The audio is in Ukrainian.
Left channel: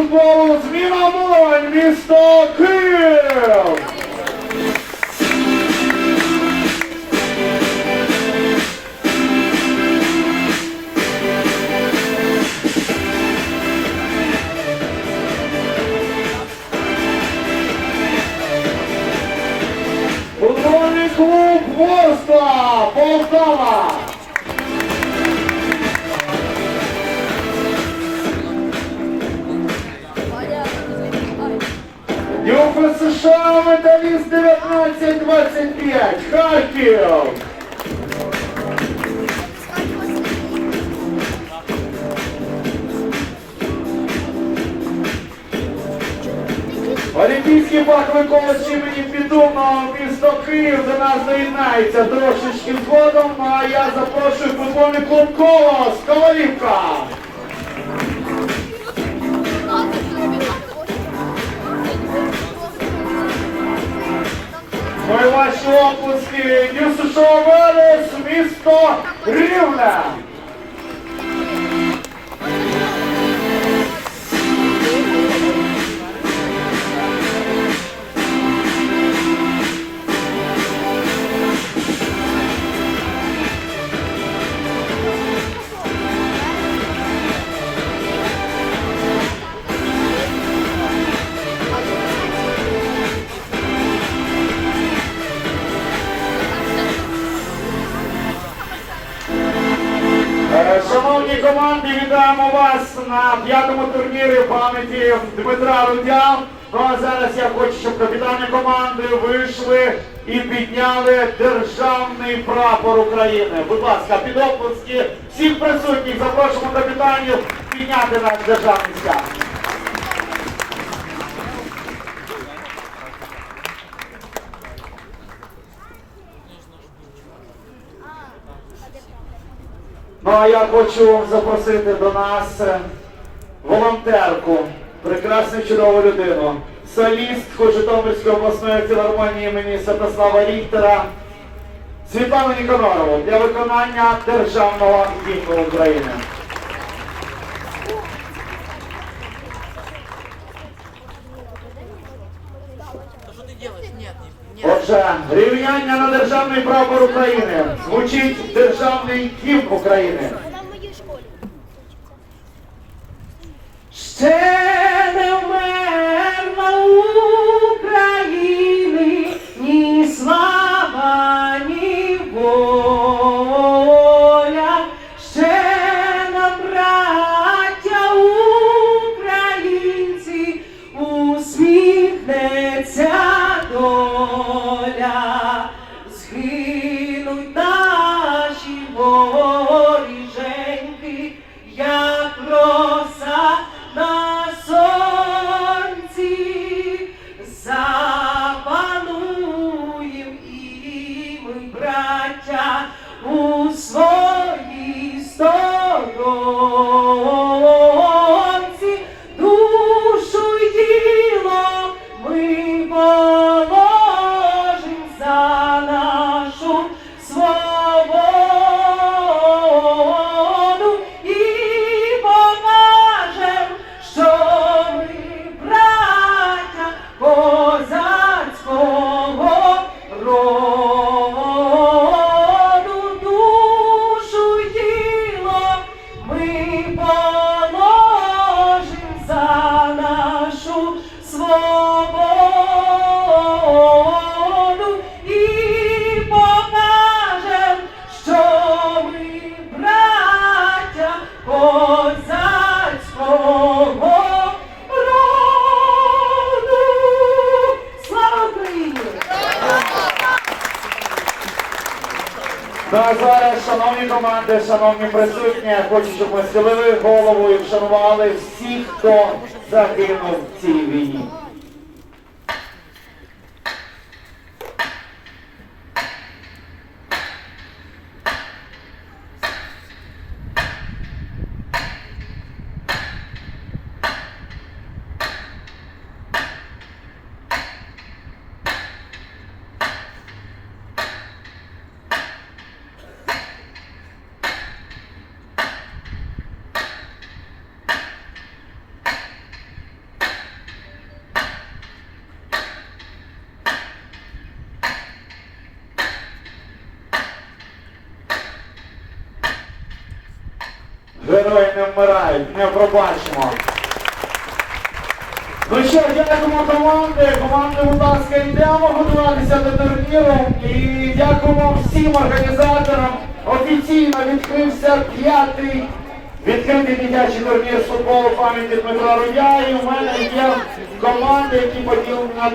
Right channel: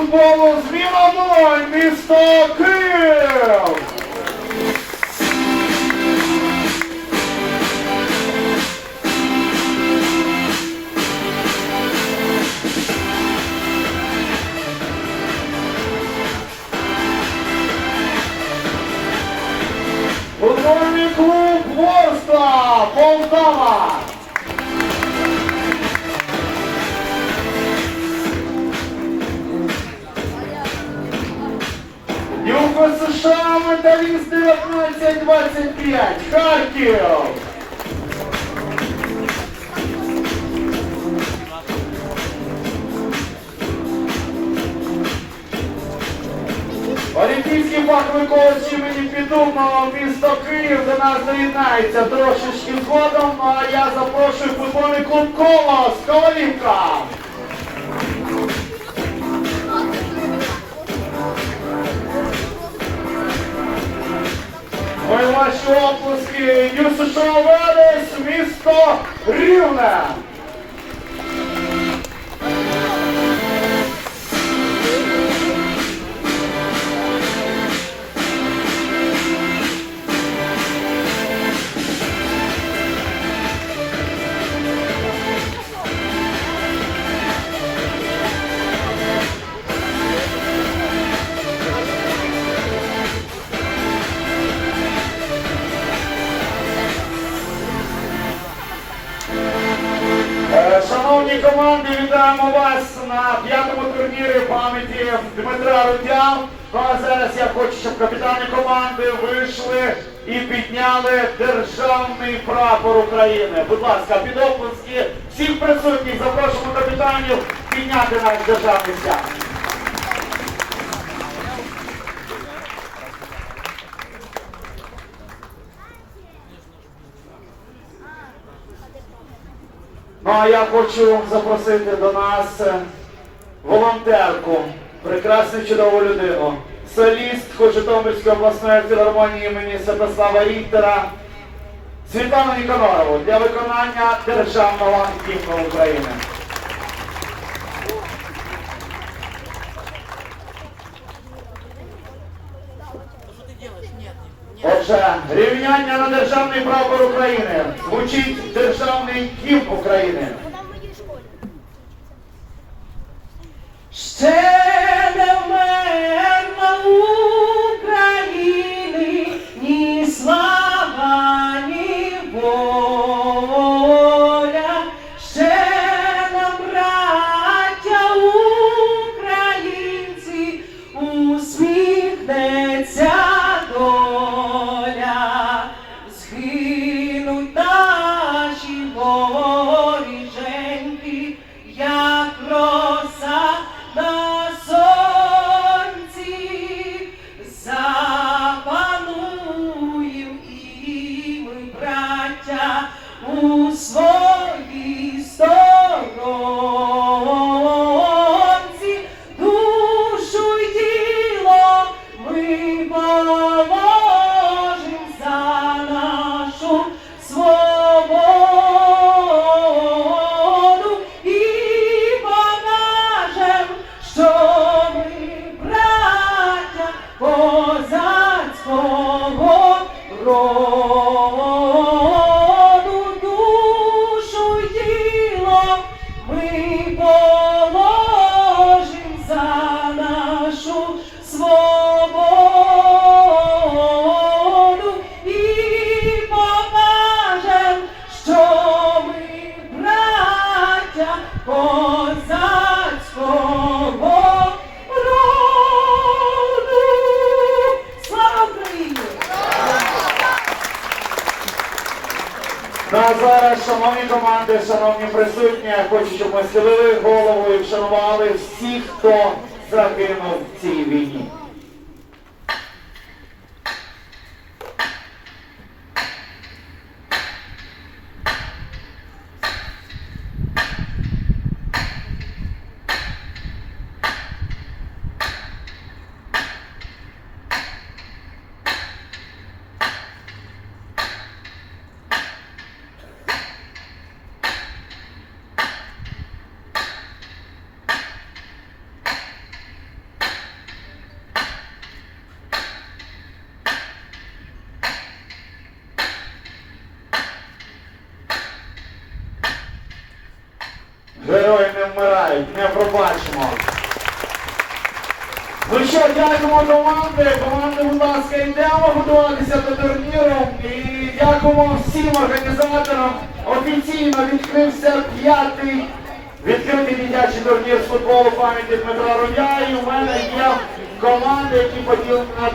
футболу з Волонь, місто Київ! США, металіст 1925, Харків! Олімпійський фаховий коледж імені Підумного місто Київ до нас доєднається трошечки згодом, а я запрошую футбольний клуб Колос, Ковалівка! Ваші оплески, США Велес, місто Рівне! Шановні команди, вітаємо вас на п'ятому турнірі пам'яті Дмитра Рудя. Ну а зараз я хочу, щоб капітани команди вийшли і підняли державний прапор України. Будь ласка, під оплески всіх присутніх запрошуємо капітанів підняти наш державний стяг. Ну а я хочу запросити до нас е, волонтерку, прекрасну чудову людину, солістку Житомирської обласної філармонії імені Святослава Ріхтера, Світлану Ніконорову для виконання державного гімну України. Отже, рівняння на державний прапор України. Звучить державний гімн України. Ще козацького роду, душу й ми положим за нашу свободу і покажем, що ми браття Ну а зараз, шановні команди, шановні присутні, я хочу, щоб ми схилили голову і вшанували всіх, хто загинув в цій війні. Вмирають. Ми пробачимо. Ну що, дякуємо команди. Команди, будь ласка, йдемо готуватися до турніру. І дякуємо всім організаторам. Офіційно відкрився п'ятий відкритий дитячий турнір з футболу пам'яті Дмитра Рудя. І в мене є команди, які поділені на.